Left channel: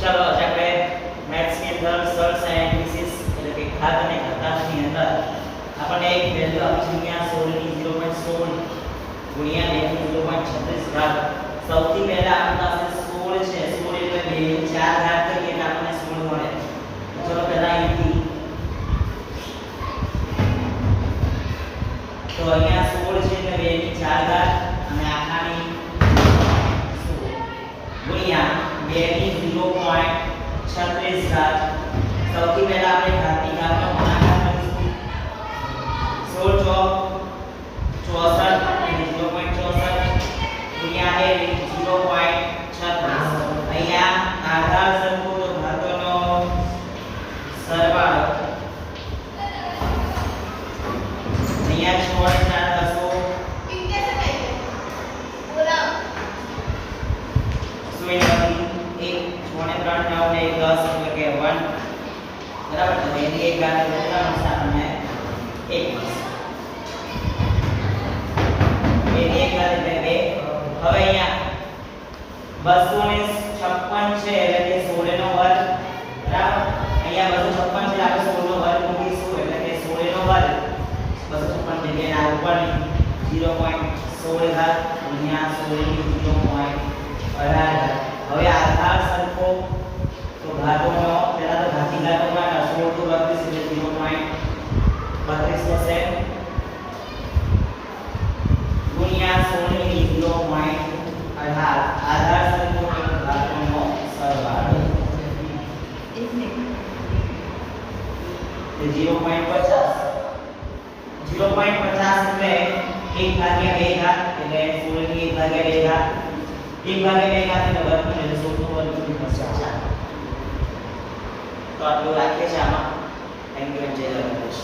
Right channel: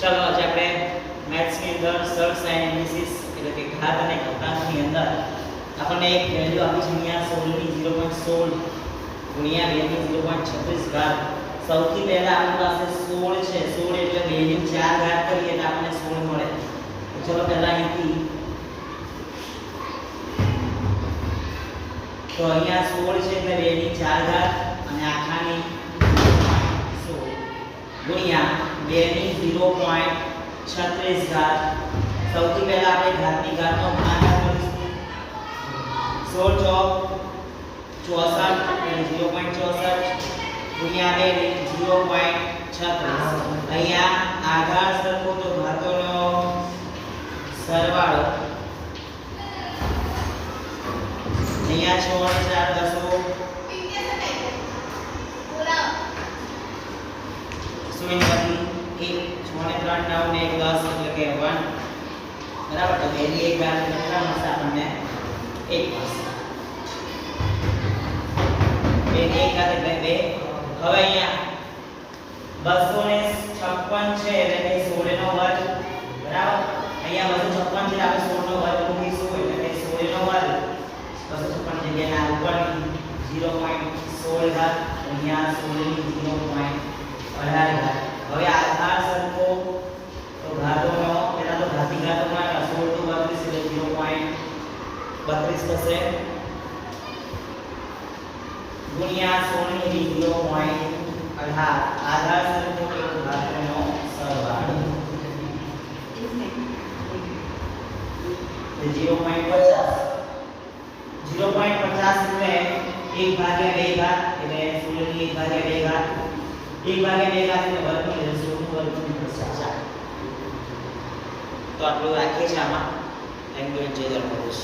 ચલો આજે આપણે મેથ્સ ની અંદર સર સાયન્ટિસિસ એટલે કે ઘાત અને ઘાતાંકની અંદર આપણને એક વેલ્યુ આપી છે અહીંયા 16 ની 0.16 ગુણ્યા 2 ની 0.36 ઘાત. સૌથી પહેલા આપણી પાસે 16 છે. 16 એટલે 2 ની 4 ઘાત કરીએ એટલે આપણને 16 મળે. ચલો પહેલા અહીંથી તો અહીંયા 16 છે એટલે 2 ની 4 ઘાત અને આખાની 16 ગુણ્યા 2 ની 0.36 ઘાત. સૌથી પહેલા આપણે ઘાતની ઘાતનો ગુણાકાર કરીશું. 16 ચોક 64 એટલે 0.64 ગુણ્યા 2 ની 0.36. અહીંયા આધાર સરખો તો ઘાતોનો સરવાળો. અહીંયા 6 અને 4 દસો એક 6 ને 3 9 ને 1 10 એટલે કે 1 બરાબર. તો એની એક ઘાત કેટલા મળશે આપણને 1 મળશે. એની એક ઘાત એટલે 2. હવે અહીંયા 256 છે એટલે કે 16 નો વર્ગ બરાબર. અહીંયા 256 છે આપણે 16 નો વર્ગ મૂકીશું એટલે કે 16 નો વર્ગ 256 જગ્યાએ ના ઉપરની 0.16 ઘાત ગુણ્યા 16 ની 0.18 ઘાત. હવે આધાર સરખો તો ઘાતોનો પહેલા તો ઘાતી ઘાતો ગુણાકાર 16 તો 32 એટલે 0.32 થશે ગુણ્યા 16 ની 0.18 આધાર સરખો તો ઘાતોનો સરવાળો એ 0.50 એટલે 1 ભાગ્યા 2 ઘાત એટલે 16 ની 1 ભાગ્યા 2 ઘાત 1 ભાગ્યા 2 ઘાત એટલે વર્ગમૂળ એટલે 16 નું વર્ગમૂળ થશે. તો આટલું રાખીએ છીએ આમાં. Thank you. જય દ્વારકાધીશ.